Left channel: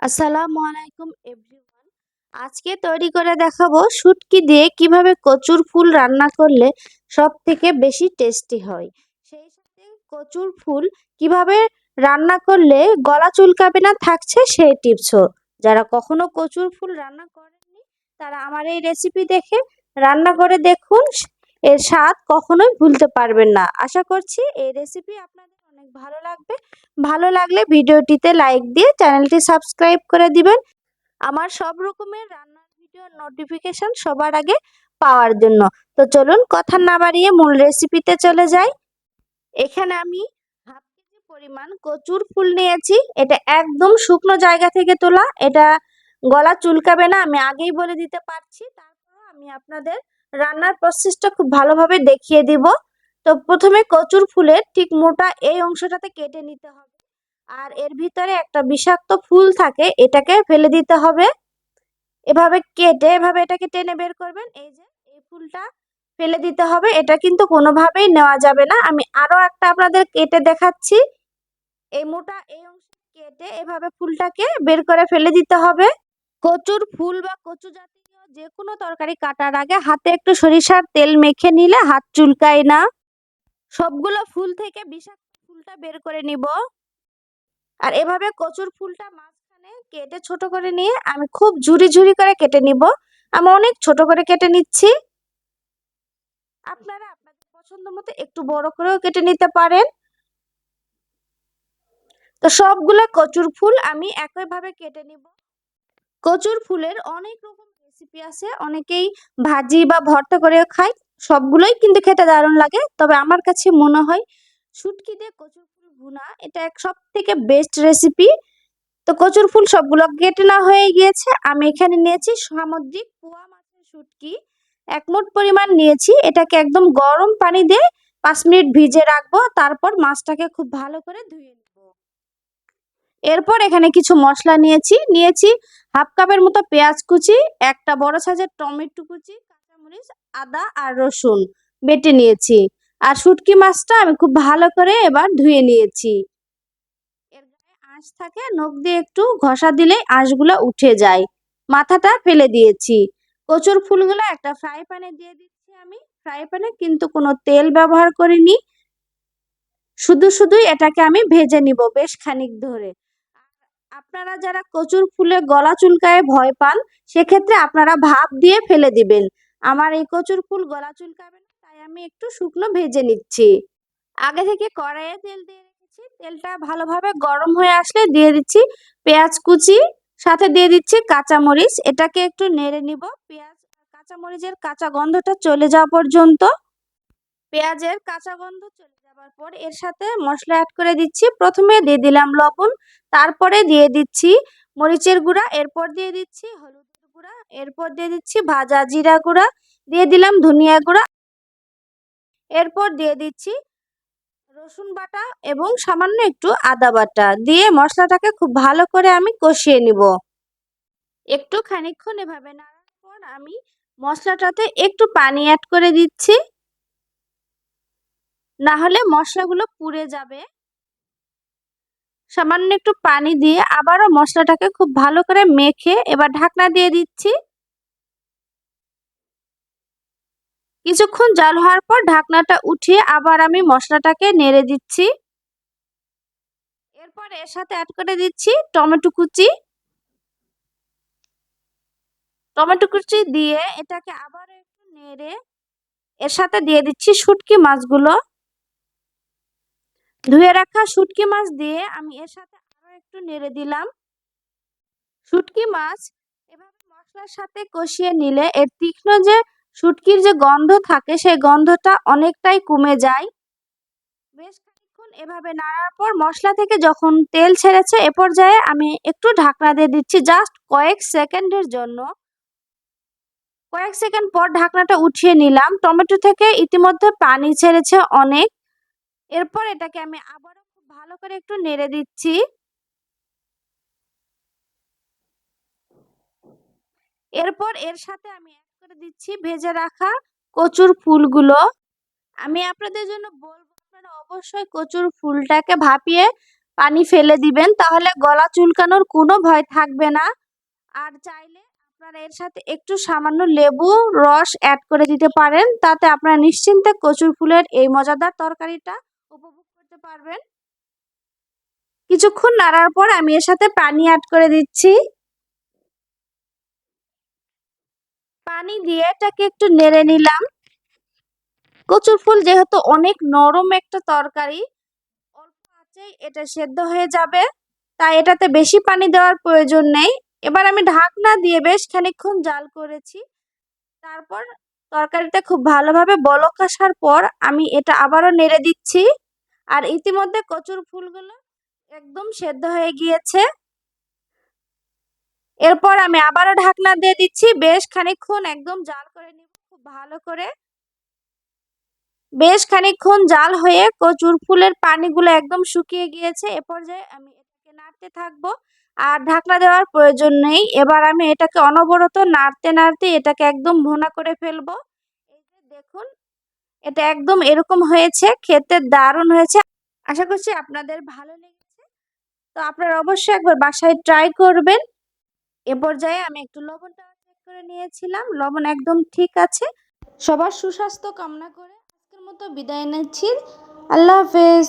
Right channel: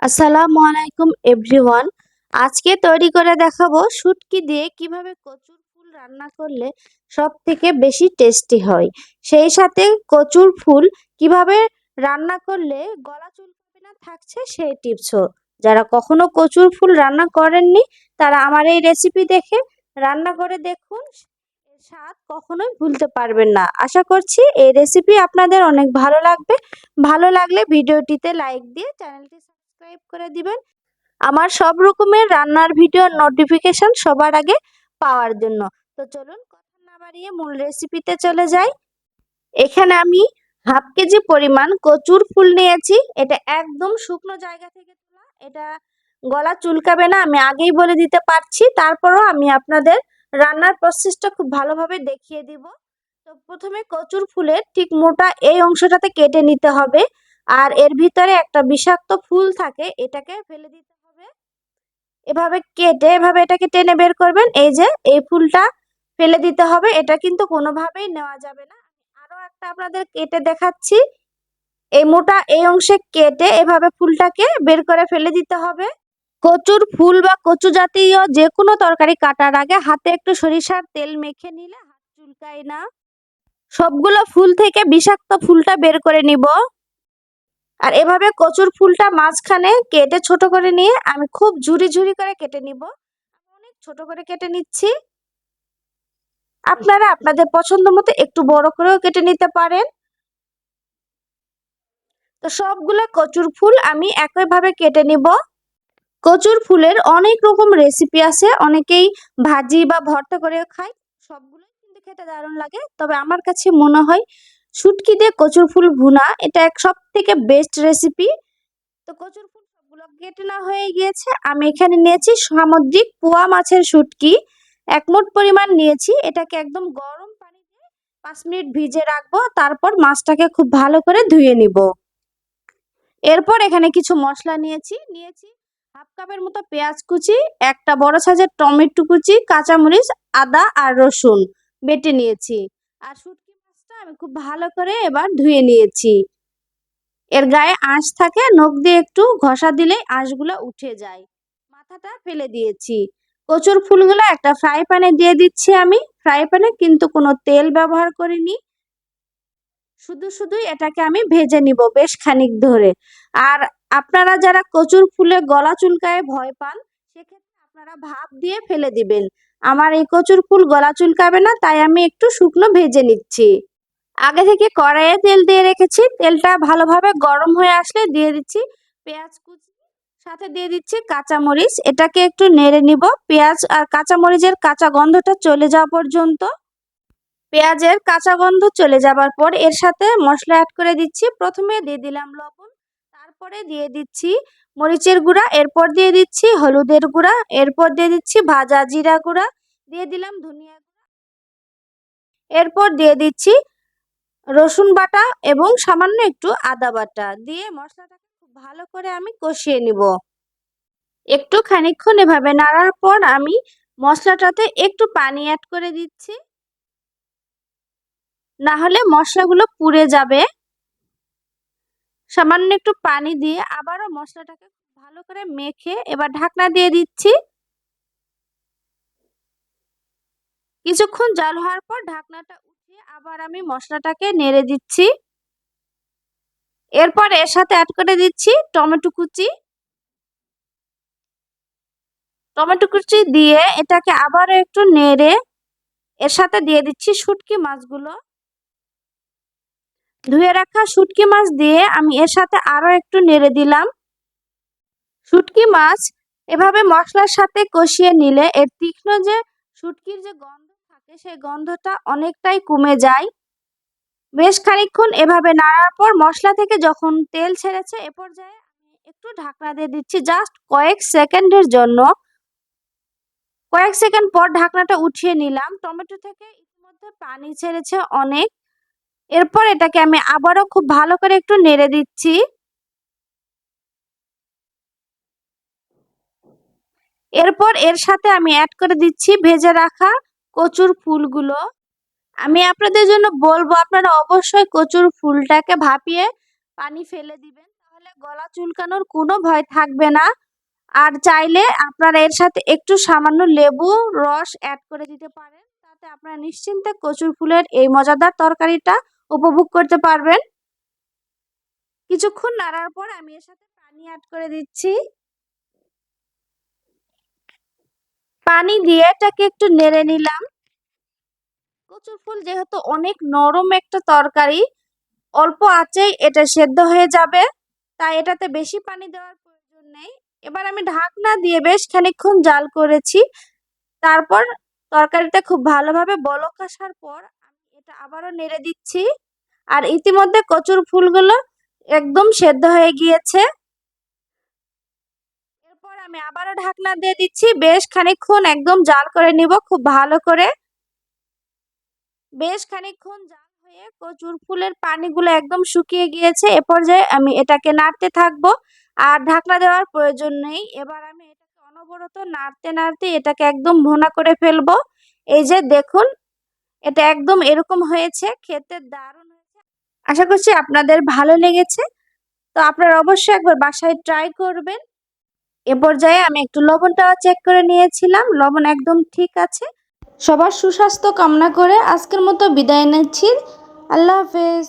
আসসালামু আলাইকুম, এভরিওয়ান। আজকে তৈরি করে দেখাবো শুটকি দিয়ে কীভাবে কচুর ফুল রান্না করলে সব থেকে বেশি টেস্টি হয়। সেই সাথে কচুর ফুল কীভাবে রান্না করলে গলা চুলকাবে না থাকছে সেই টিপসও। যারা কখনো কচুর ফুল রান্না করেননি, তারা আমার এই রেসিপি দেখে রান্না করে দেখুন। এর স্বাদ কখনোই ভুলতে পারবেন না। আশা করছি এই রেসিপি আপনাদের অনেক ভালো লাগবে। ভালো লাগলে ভিডিওটিতে লাইক দিয়ে চ্যানেলটি সাবস্ক্রাইব করে দিবেন। আমার সব রকমের রান্নার ভিডিওর নোটিফিকেশন সবার আগে পাওয়ার জন্য। তো চলুন কথা না বাড়িয়ে মূল রেসিপিতে চলে যাই। এখানে আমি হাফ কেজি পরিমাণ কচুর ফুল নিয়েছি। এটা একদম শুকনো জায়গা থেকে তোলা। এটা গলা চুলকাবে না, আমি আগেই বলে দিতে পারছি। তারপরও আমি আপনাদের রান্নার প্রসেসটা খুব ভালোভাবে দেখিয়ে দিব। তো প্রথমে কচুর ফুলের ঠিক মোটা এই অংশটাতে কেটে নিতে হবে। আর এর ভিতরে একটা বিষাক্ত ফুল থাকে, এটাকে ফেলে দিতে হবে। এভাবে কেটে, এভাবে এটাকে টেনে বের করবেন। এই যে, এই ফুলটা ফেলে দিতে হবে। এটা কিন্তু কোনোভাবেই নেওয়া যাবে না। আমি আরও একটা আপনাদের কেটে দেখাচ্ছি। এই মোটা এই অংশে কেটে এভাবে ফুলটাকে বের করে ফেলে দিতে হবে। কচুর ফুল বা কচু জাতীয় যে কোনো তরকারি কাটার আগে হাতে একটু সরিষার তেল মেখে নিলে হাত চুলকায় না। সবগুলো ফুল থেকে বিষাক্ত ফুলটা বের করে নিব। আর এভাবে কচুর ফুলটা মাঝখানে কেটে ছোট করে নিয়ে আমি খুব ঝুরি ঝুরি করে কেটে নিব। আমি অনেক ছোট করে কেটে নিচ্ছি। আপনারা আপনাদের পছন্দ মতো একটু বড় করেও কেটে নিতে পারেন। তো সবগুলো কচুর ফুল আমি একইভাবে কেটে নিব। কচুর ফুলের অনেক রকম রেসিপি আছে। অনেকেই ভাজি বা ভর্তা করে খায়। সবগুলোই কিন্তু খেতে দারুণ লাগে। তবে আমার কাছে মনে হয় শুটকি দিয়ে কচুর ফুল ভুনা, এটা এক সব থেকে বেস্ট রেসিপি তো কচুর ফুল সবগুলো কেটে না হয়ে গিয়েছে। আমি এখানে নিয়েছি সামুদ্রিক পোয়া মাছের শুটকি। একমোট পরিমাণ নিয়েছি। এটাকে একদম গরম পানি দিয়ে পাঁচ মিনিট ভিজে রাখব। তারপর মাছটাকে খুব ভালো করে ধুয়ে নিব। এরপর এখানে কিছু মশলা নিয়েছি নিয়েছি হাফ কাপের মতো পেঁয়াজ কুচি, একটা বড় সাইজের টমেটো কুচি, কাঁচামরিচ, আদা আর রসুন বেটে নিয়েছি। আর শুটকি মাছটা আমি খুব ভালো করে এবার ধুয়ে নিয়েছি। এর গায়ে আঁশ থাকে, নখ দিয়ে একটু ঘষা দিলেই আঁশগুলো উঠে যায়। মাথাটা ফেলে দিয়েছি। কচুর ফুলগুলো একটা ফ্রাই প্যানে দিয়ে দিচ্ছি আমি। ফ্রাই প্যানে কিন্তু কোনো তেল ব্যবহার করিনি। শুধু শুধুই এটাকে আমি ভেজে নিব বেশ খানিক ধরে। আর আপনারা যারা কচুর ফুলে গলা চুলকায় ভয় পান, সেক্ষেত্রে আপনারা ভাপ দিয়ে ফেলে দিবেন। আমার এই কচুর ফুল গলা চুলকাবে না, তাই আমি একটু শুকনো ভেজে নিচ্ছি। আগে থেকে কড়াইয়ে তেল দিয়ে রেখেছি। তেলটা ভালোভাবে গরম হয়ে আসলে দিয়ে দিচ্ছি পেঁয়াজ কুচি, সাথে দিয়ে দিচ্ছি কাঁচামরিচ। এটাকে একটু নেড়ে নিব। পেঁয়াজ আর কাঁচামরিচের কাঁচা গন্ধটা চলে যাওয়া পর্যন্ত পেঁয়াজের কাঁচা গন্ধ চলে যাবার পর এর সাথে মশলা অ্যাড করে দিচ্ছি। প্রথমে দিয়ে দিলাম লবণ, তারপরে দিয়ে দিচ্ছি মরিচের গুঁড়া, এরপর দিয়ে দিচ্ছি হলুদের গুঁড়া, এরপর দিয়ে দিচ্ছি ভাজা জিরা গুঁড়া, দিয়ে দিলাম ধনিয়া গুঁড়া। এরপর দিয়ে দিচ্ছি রসুন বাটা এবং সামান্য একটু আদা বাটা। দিয়ে মশলাটাকে খুব ভালো করে আমি কষিয়ে নিব। একটু খানিক্ষণ এভাবে নাড়ার পর আমি মশলাটাতে একটু পানি অ্যাড করে দিচ্ছি। না হলে মশলাগুলো পুড়ে যাবে। সামান্য একটু পানি দিয়ে আবারও মশলাটাকে খুব ভালো করে মেখে এবার ঢাকনা দিয়ে দিচ্ছি। কিছুক্ষণ জাল হওয়ার পর ঢাকনাটা উঠিয়ে আবার আমি মশলাটাকে নেড়ে দিচ্ছি। এরপর এর সাথে অ্যাড করে দিচ্ছি টমেটো কুচি। টমেটো কুচি দিয়ে এটাকে আবারও একটু নেড়ে এর সাথে দিয়ে দিচ্ছি শুটকি মাছগুলো। ধুয়ে রাখা শুটকি মাছ দিয়ে আমি এর সাথে আরও একটু নেড়ে দিলাম। শুটকি মাছ এভাবে মশলার সাথে কষিয়ে নিলে এর তীক্ষ্ণ যে শুটকির যে গন্ধ থাকে, সেই গন্ধটা অনেকটাই কমে যায়। বেশ খানিক্ষণ এভাবে নাড়ার পর মশলা থেকে যখন তেল ছেড়েছে, এ পর্যায়ে আমি একটু ঢাকনা দিয়ে দিচ্ছি জাস্ট কয়েক সেকেন্ডের জন্য। কয়েক সেকেন্ড পর ঢাকনাটা উঠিয়ে নিলাম। টমেটো থেকে ইতিমধ্যে পানি ছেড়েছে অনেক। এরপর এটাকে আমি আবারও খুব ভালো করে একটু নেড়ে দিচ্ছি। এরপর এর সাথে আমি অ্যাড করে দিচ্ছি ভেজে রাখা কচুর ফুলগুলো। আমি আপনাদের জন্য বলব, আপনারা অবশ্যই কচুর ফুলটাকে ভাপিয়ে পানি ফেলে দিবেন, তাহলে গলা চুলকানোর কোনো ভয় থাকবে না। আর চাইলে আপনারা এর সাথে একটু সামান্য লেবু, রস অ্যাড করে দিতে পারেন, তাতে আপনারা নিশ্চিন্তে কচুর ফুলের এই মজাদার তরকারিটা উপভোগ করতে পারবেন। কিছুক্ষণ নাড়ার পর আমি এর সাথে পানি অ্যাড করে দিচ্ছি। পানি দিয়ে এটাকে একটু নেড়ে নিলাম। কচুর ফুল যেহেতু অনেক নরম একটা তরকারি, অল্প আঁচেই এটা সেদ্ধ হয়ে যাবে, তাই এটাতে বেশি পানি দেওয়ার প্রয়োজন নেই। এবার আমি ঢাকনা দিয়ে বেশ খানিকক্ষণ জাল করেছি। তারপর তরকারিটা খুব ভালোভাবে বলক আসার পর আমি এটা আবারও নেড়ে দিচ্ছি। আর ইতিমধ্যে কচুর ফুলগুলো একদম সেদ্ধ হয়ে গিয়েছে। এরপর আমি আবারও ঢাকনা দিয়ে দিচ্ছি। বেশ খানিকক্ষণ একদম জাল করে নিব খুব ভালো করে। বেশ খানিকক্ষণ জাল হয়ে কচুর ফুলের পানিগুলো একদম শুকিয়ে গিয়েছে। এ পর্যায়ে আমি এটাকে নাড়তে থাকব। আর ঢাকনা দেওয়ার প্রয়োজন নেই। এবার আমি এটাকে অনবরত নাড়তে নাড়তে এটাকে একদম ভোনা করে ফেলব। এই যে দেখুন, এটা একদম এরকম হয়েছে, খেতে দারুণ হয়েছে। আশা করছি আপনাদের ভালো লেগেছে। তো আপনারা অবশ্যই একবার বাসায় ট্রাই করবেন। এ পর্যায়ে আমি একটু লবণটাও চেক করে নিয়েছিলাম। লবণ একদম ঠিক আছে। সবার সুস্বাস্থ্য কামনা করে আজকের মতো বিদায় নিচ্ছি। আল্লাহ হাফেজ।